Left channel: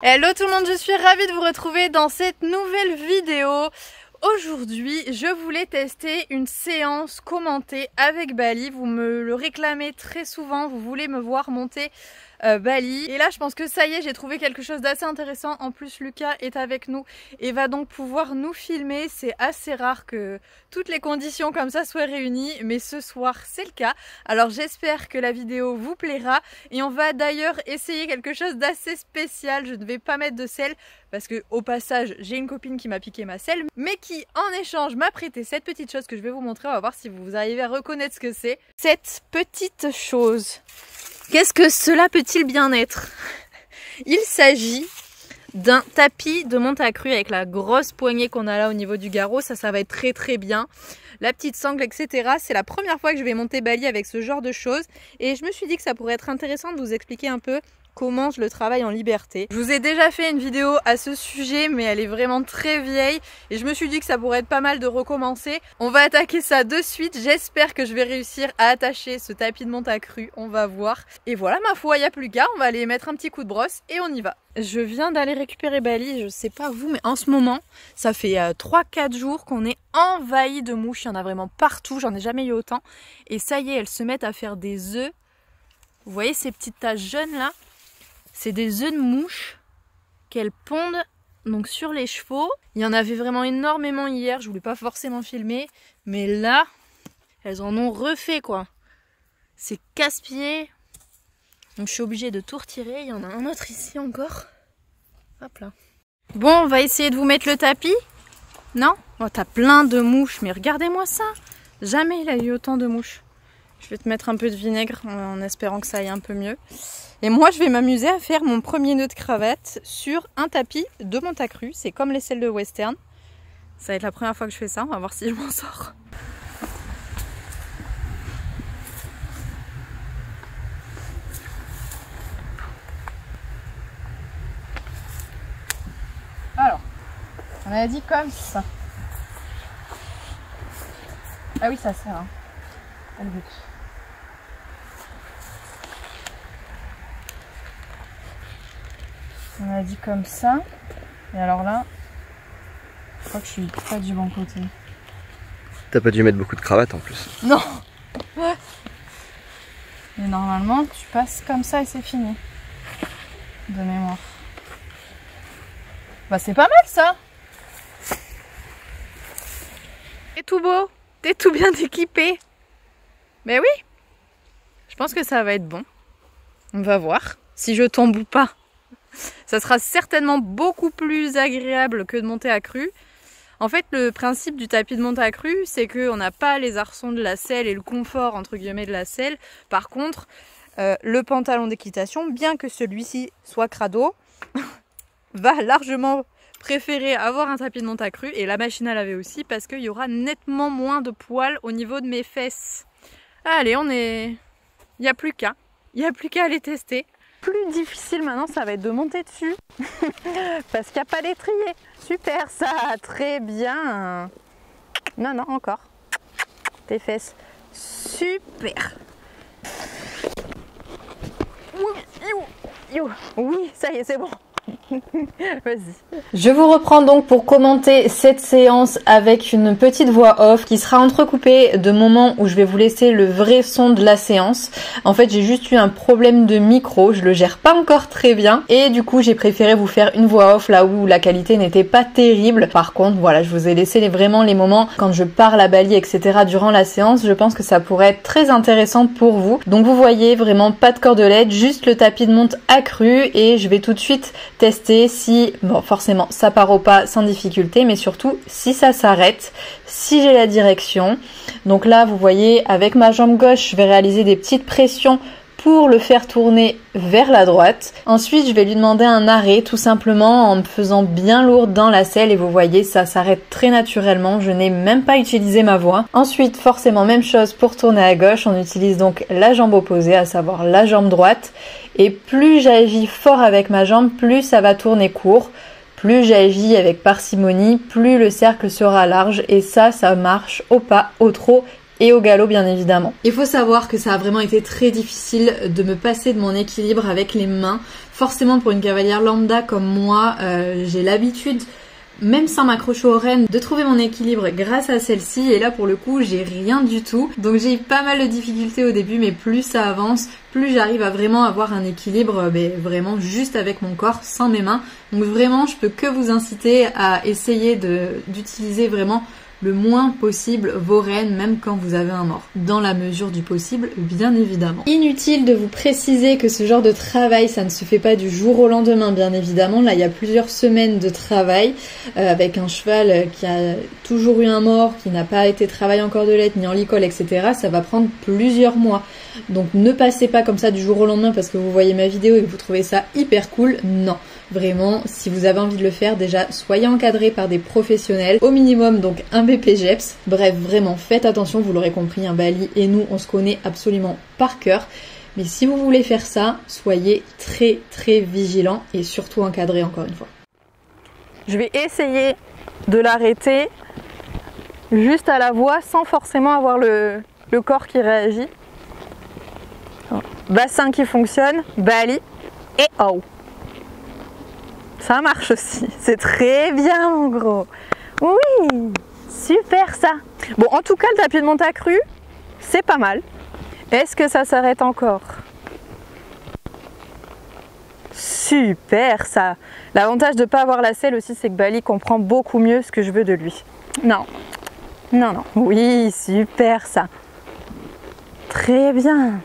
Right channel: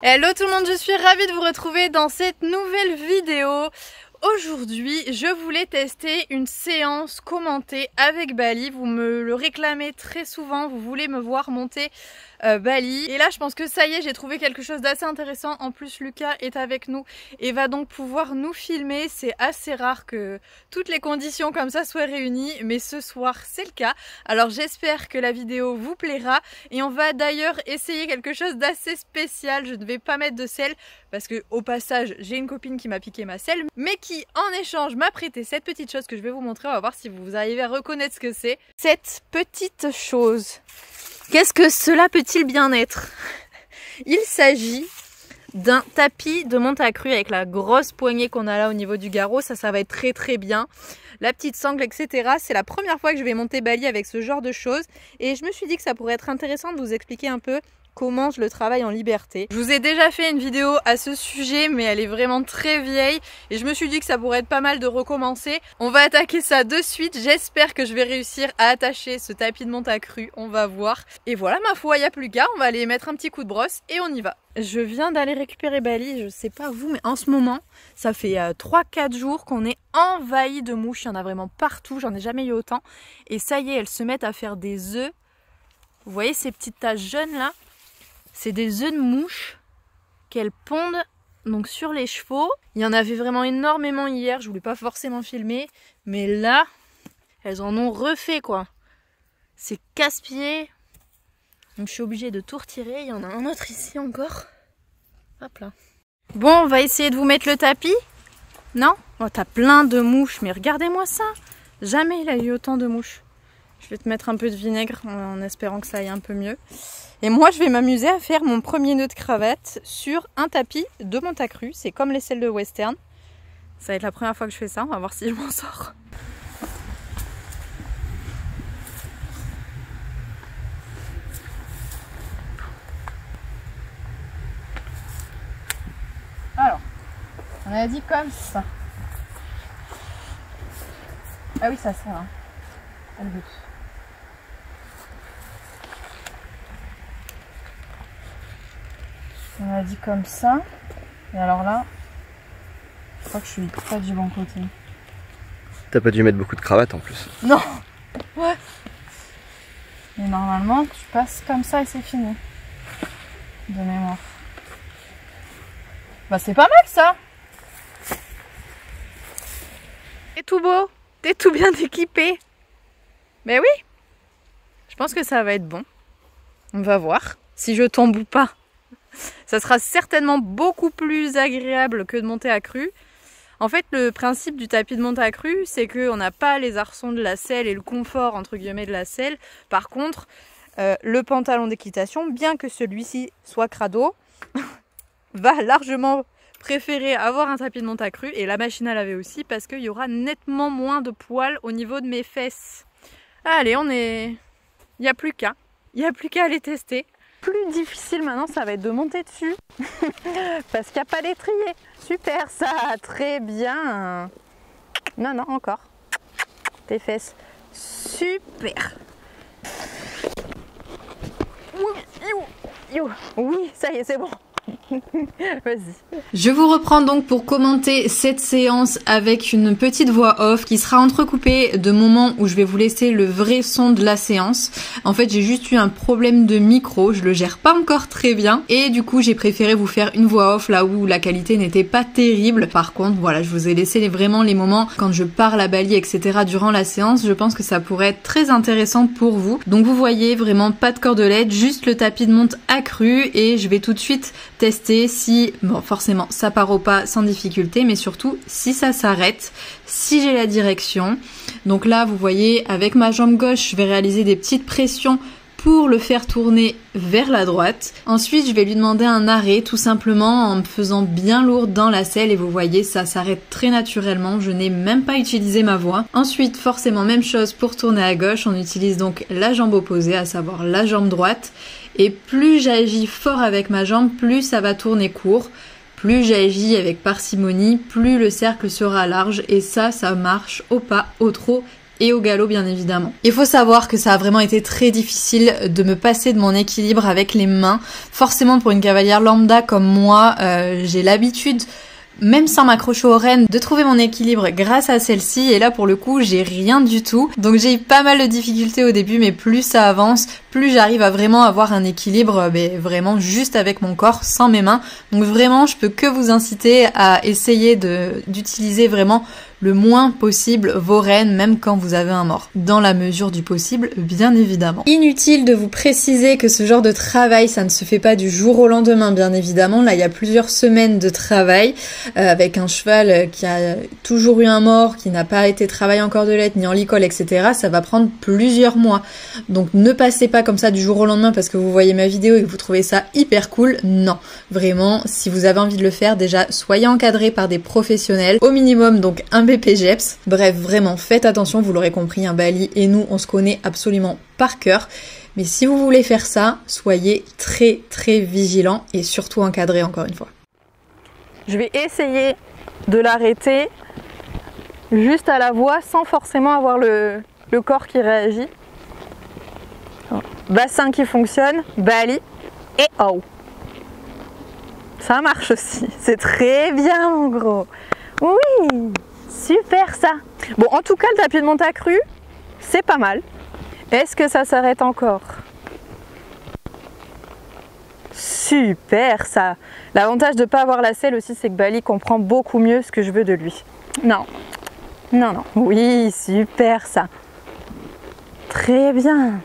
Hello tout le monde, je suis ravie de vous retrouver dans cette nouvelle vidéo. Aujourd'hui, je voulais tester une séance commentée avec Bali. Vous me le réclamez très souvent, vous voulez me voir monter Bali. Et là, je pense que ça y est, j'ai trouvé quelque chose d'assez intéressant. En plus, Lucas est avec nous et va donc pouvoir nous filmer. C'est assez rare que toutes les conditions comme ça soient réunies, mais ce soir, c'est le cas. Alors, j'espère que la vidéo vous plaira. Et on va d'ailleurs essayer quelque chose d'assez spécial. Je ne vais pas mettre de sel parce que, au passage, j'ai une copine qui m'a piqué ma selle, mais qui, en échange, m'a prêté cette petite chose que je vais vous montrer. On va voir si vous arrivez à reconnaître ce que c'est. Cette petite chose. Qu'est-ce que cela peut-il bien être? Il s'agit d'un tapis de monte à cru avec la grosse poignée qu'on a là au niveau du garrot. Ça va être très très bien. La petite sangle, etc. C'est la première fois que je vais monter Bali avec ce genre de choses. Et je me suis dit que ça pourrait être intéressant de vous expliquer un peu comment je le travaille en liberté. Je vous ai déjà fait une vidéo à ce sujet, mais elle est vraiment très vieille et je me suis dit que ça pourrait être pas mal de recommencer. On va attaquer ça de suite. J'espère que je vais réussir à attacher ce tapis de monte à cru. On va voir. Et voilà, ma foi, il n'y a plus qu'à. On va aller mettre un petit coup de brosse et on y va. Je viens d'aller récupérer Bali. Je sais pas vous, mais en ce moment, ça fait 3-4 jours qu'on est envahi de mouches. Il y en a vraiment partout. J'en ai jamais eu autant. Et ça y est, elles se mettent à faire des œufs. Vous voyez ces petites taches jaunes là? C'est des œufs de mouche qu'elles pondent donc sur les chevaux. Il y en avait vraiment énormément hier, je voulais pas forcément filmer, mais là, elles en ont refait quoi. C'est casse-pied. Donc je suis obligée de tout retirer. Il y en a un autre ici encore. Hop là. Bon, on va essayer de vous mettre le tapis. Non? Oh, t'as plein de mouches, mais regardez-moi ça. Jamais il a eu autant de mouches. Je vais te mettre un peu de vinaigre en espérant que ça aille un peu mieux. Et moi, je vais m'amuser à faire mon premier nœud de cravate sur un tapis de monte à cru. C'est comme les selles de western. Ça va être la première fois que je fais ça. On va voir si je m'en sors. Alors, on a dit comme ça. Ah oui, ça sert. Hein. C'est le but. On a dit comme ça. Et alors là, je crois que je suis pas du bon côté. T'as pas dû mettre beaucoup de cravates en plus. Non. Ouais. Et normalement, tu passes comme ça et c'est fini. De mémoire. Bah c'est pas mal ça. T'es tout beau. T'es tout bien équipé. Mais oui. Je pense que ça va être bon. On va voir si je tombe ou pas. Ça sera certainement beaucoup plus agréable que de monter à cru. En fait, le principe du tapis de monte à cru, c'est qu'on n'a pas les arçons de la selle et le confort, entre guillemets, de la selle. Par contre, le pantalon d'équitation, bien que celui-ci soit crado, va largement préférer avoir un tapis de monte à cru. Et la machine à laver aussi, parce qu'il y aura nettement moins de poils au niveau de mes fesses. Allez, il n'y a plus qu'à. Il n'y a plus qu'à aller tester. Plus difficile maintenant, ça va être de monter dessus parce qu'il n'y a pas d'étrier. Super ça, très bien. Non, non, encore. Tes fesses. Super. Oui, ça y est, c'est bon. Vas-y. Je vous reprends donc pour commenter cette séance avec une petite voix off qui sera entrecoupée de moments où je vais vous laisser le vrai son de la séance. En fait, j'ai juste eu un problème de micro, je le gère pas encore très bien et du coup, j'ai préféré vous faire une voix off là où la qualité n'était pas terrible. Par contre, voilà, je vous ai laissé vraiment les moments quand je parle à Bali, etc. durant la séance. Je pense que ça pourrait être très intéressant pour vous. Donc vous voyez vraiment pas de cordelette, juste le tapis de monte accru et je vais tout de suite tester si, bon forcément ça part au pas sans difficulté, mais surtout si ça s'arrête, si j'ai la direction. Donc là vous voyez avec ma jambe gauche je vais réaliser des petites pressions pour le faire tourner vers la droite. Ensuite je vais lui demander un arrêt tout simplement en me faisant bien lourde dans la selle et vous voyez ça s'arrête très naturellement, je n'ai même pas utilisé ma voix. Ensuite forcément même chose pour tourner à gauche, on utilise donc la jambe opposée, à savoir la jambe droite. Et plus j'agis fort avec ma jambe, plus ça va tourner court. Plus j'agis avec parcimonie, plus le cercle sera large. Et ça marche au pas, au trot et au galop bien évidemment. Il faut savoir que ça a vraiment été très difficile de me passer de mon équilibre avec les mains. Forcément pour une cavalière lambda comme moi, j'ai l'habitude, même sans m'accrocher aux rênes, de trouver mon équilibre grâce à celle-ci, et là pour le coup j'ai rien du tout. Donc j'ai eu pas mal de difficultés au début, mais plus ça avance, plus j'arrive à vraiment avoir un équilibre vraiment juste avec mon corps, sans mes mains. Donc vraiment je peux que vous inciter à essayer d'utiliser vraiment le moins possible vos rênes, même quand vous avez un mort, dans la mesure du possible, bien évidemment. Inutile de vous préciser que ce genre de travail, ça ne se fait pas du jour au lendemain, bien évidemment. Là, il y a plusieurs semaines de travail avec un cheval qui a toujours eu un mort, qui n'a pas été travaillé en cordelette ni en licol, etc. Ça va prendre plusieurs mois. Donc ne passez pas comme ça du jour au lendemain parce que vous voyez ma vidéo et que vous trouvez ça hyper cool. Non, vraiment, si vous avez envie de le faire, déjà, soyez encadré par des professionnels, au minimum donc un BPGEPS. Bref, vraiment, faites attention, vous l'aurez compris, un Bali et nous, on se connaît absolument par cœur. Mais si vous voulez faire ça, soyez très très vigilants et surtout encadré encore une fois. Je vais essayer de l'arrêter juste à la voix sans forcément avoir le corps qui réagit. Bassin qui fonctionne, Bali et oh. Ça marche aussi, c'est très bien mon gros. Oui, super ça. Bon, en tout cas, le tapis de monte accru, c'est pas mal. Est-ce que ça s'arrête encore? Super ça. L'avantage de ne pas avoir la selle aussi, c'est que Bali comprend beaucoup mieux ce que je veux de lui. Non, non, non. Oui, super ça. Très bien.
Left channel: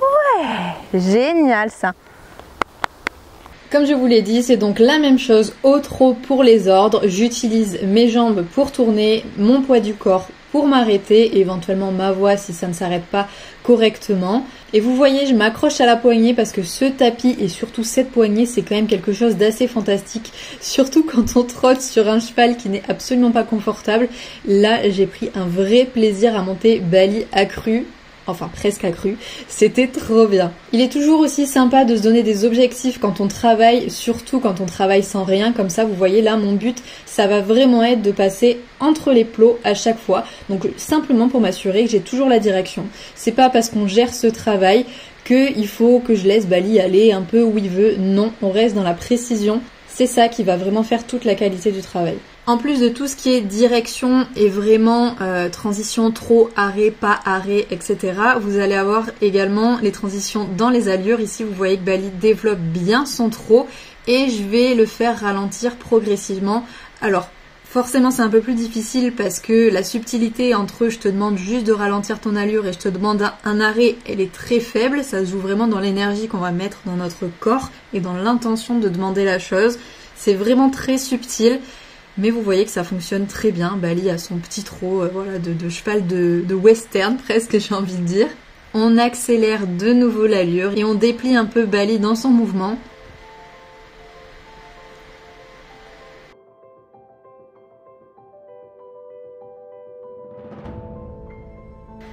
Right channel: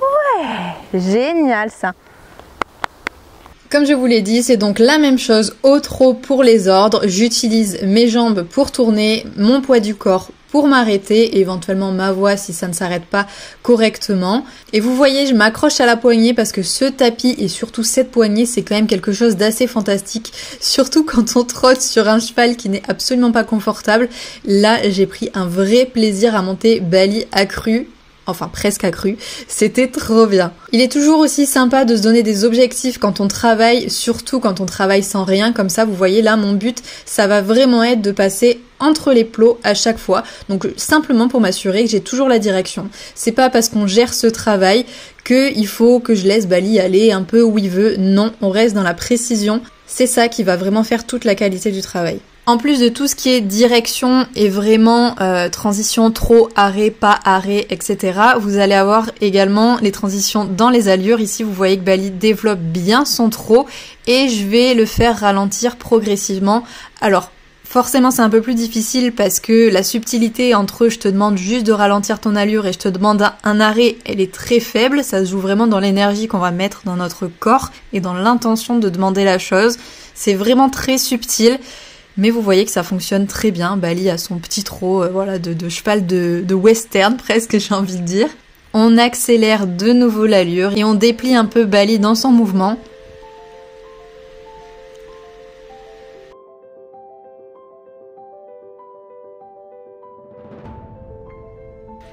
Ouais, génial ça. Comme je vous l'ai dit, c'est donc la même chose au trot pour les ordres. J'utilise mes jambes pour tourner, mon poids du corps pour m'arrêter et éventuellement ma voix si ça ne s'arrête pas correctement. Et vous voyez, je m'accroche à la poignée parce que ce tapis et surtout cette poignée, c'est quand même quelque chose d'assez fantastique. Surtout quand on trotte sur un cheval qui n'est absolument pas confortable. Là, j'ai pris un vrai plaisir à monter Bali accru. Enfin presque accru, c'était trop bien. Il est toujours aussi sympa de se donner des objectifs quand on travaille, surtout quand on travaille sans rien, comme ça vous voyez là mon but ça va vraiment être de passer entre les plots à chaque fois, donc simplement pour m'assurer que j'ai toujours la direction. C'est pas parce qu'on gère ce travail qu'il faut que je laisse Bali aller un peu où il veut, non, on reste dans la précision, c'est ça qui va vraiment faire toute la qualité du travail. En plus de tout ce qui est direction et vraiment transition, trot, arrêt, pas arrêt, etc. Vous allez avoir également les transitions dans les allures. Ici, vous voyez que Bali développe bien son trot et je vais le faire ralentir progressivement. Alors, forcément, c'est un peu plus difficile parce que la subtilité entre je te demande juste de ralentir ton allure et je te demande un arrêt, elle est très faible. Ça se joue vraiment dans l'énergie qu'on va mettre dans notre corps et dans l'intention de demander la chose. C'est vraiment très subtil. Mais vous voyez que ça fonctionne très bien. Bali a son petit trot voilà, de cheval de western presque, j'ai envie de dire. On accélère de nouveau l'allure et on déplie un peu Bali dans son mouvement.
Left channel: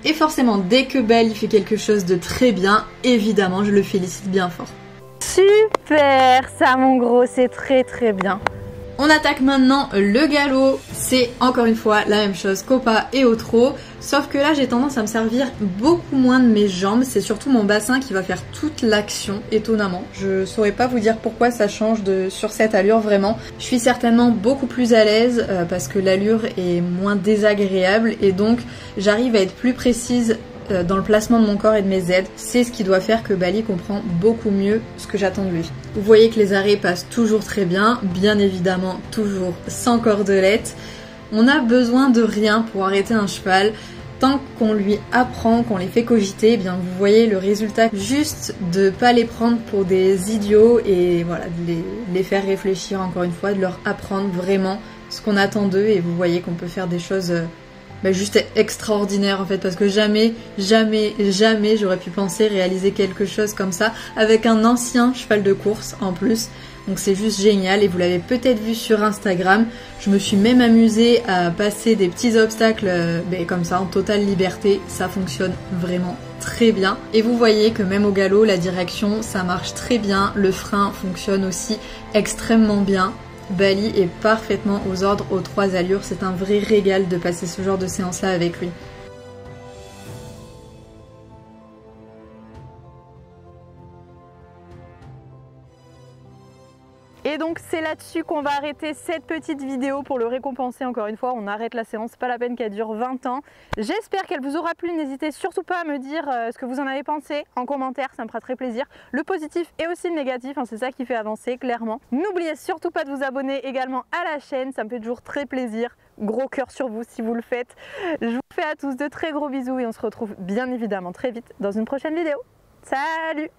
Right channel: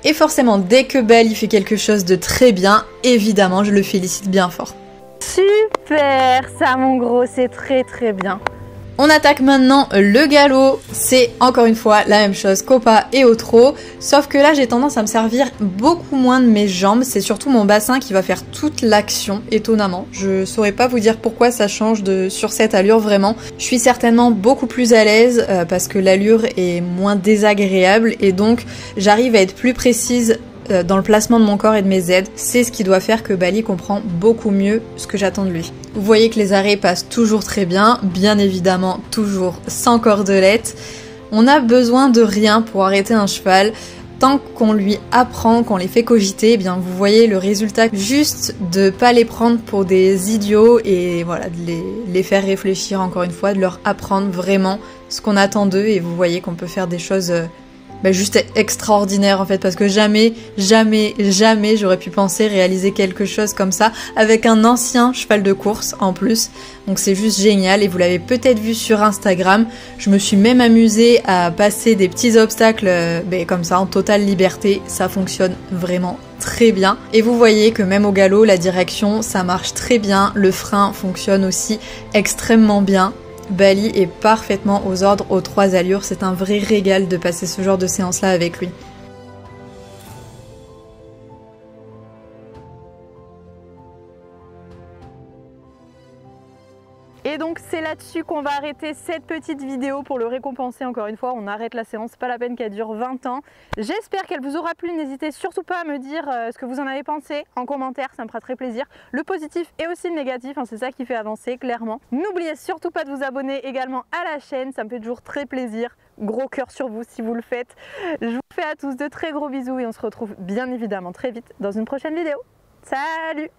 Et forcément, dès que Bali fait quelque chose de très bien, évidemment, je le félicite bien fort. Super ça mon gros, c'est très très bien. On attaque maintenant le galop, c'est encore une fois la même chose qu'au pas et au trot, sauf que là j'ai tendance à me servir beaucoup moins de mes jambes, c'est surtout mon bassin qui va faire toute l'action, étonnamment. Je saurais pas vous dire pourquoi ça change sur cette allure vraiment. Je suis certainement beaucoup plus à l'aise parce que l'allure est moins désagréable et donc j'arrive à être plus précise dans le placement de mon corps et de mes aides. C'est ce qui doit faire que Bali comprend beaucoup mieux ce que j'attends de lui. Vous voyez que les arrêts passent toujours très bien, bien évidemment toujours sans cordelette. On a besoin de rien pour arrêter un cheval. Tant qu'on lui apprend, qu'on les fait cogiter, eh bien vous voyez le résultat, juste de pas les prendre pour des idiots et voilà, de les faire réfléchir encore une fois, de leur apprendre vraiment ce qu'on attend d'eux et vous voyez qu'on peut faire des choses juste extraordinaire en fait, parce que jamais j'aurais pu penser réaliser quelque chose comme ça avec un ancien cheval de course en plus. Donc c'est juste génial et vous l'avez peut-être vu sur Instagram. Je me suis même amusée à passer des petits obstacles comme ça en totale liberté. Ça fonctionne vraiment très bien. Et vous voyez que même au galop, la direction, ça marche très bien. Le frein fonctionne aussi extrêmement bien. Bali est parfaitement aux ordres aux 3 allures. C'est un vrai régal de passer ce genre de séance là avec lui. Et donc c'est là-dessus qu'on va arrêter cette petite vidéo pour le récompenser. Encore une fois, on arrête la séance, c'est pas la peine qu'elle dure 20 ans. J'espère qu'elle vous aura plu. N'hésitez surtout pas à me dire ce que vous en avez pensé en commentaire, ça me fera très plaisir. Le positif et aussi le négatif, hein, c'est ça qui fait avancer clairement. N'oubliez surtout pas de vous abonner également à la chaîne, ça me fait toujours très plaisir. Gros cœur sur vous si vous le faites. Je vous fais à tous de très gros bisous et on se retrouve bien évidemment très vite dans une prochaine vidéo. Salut!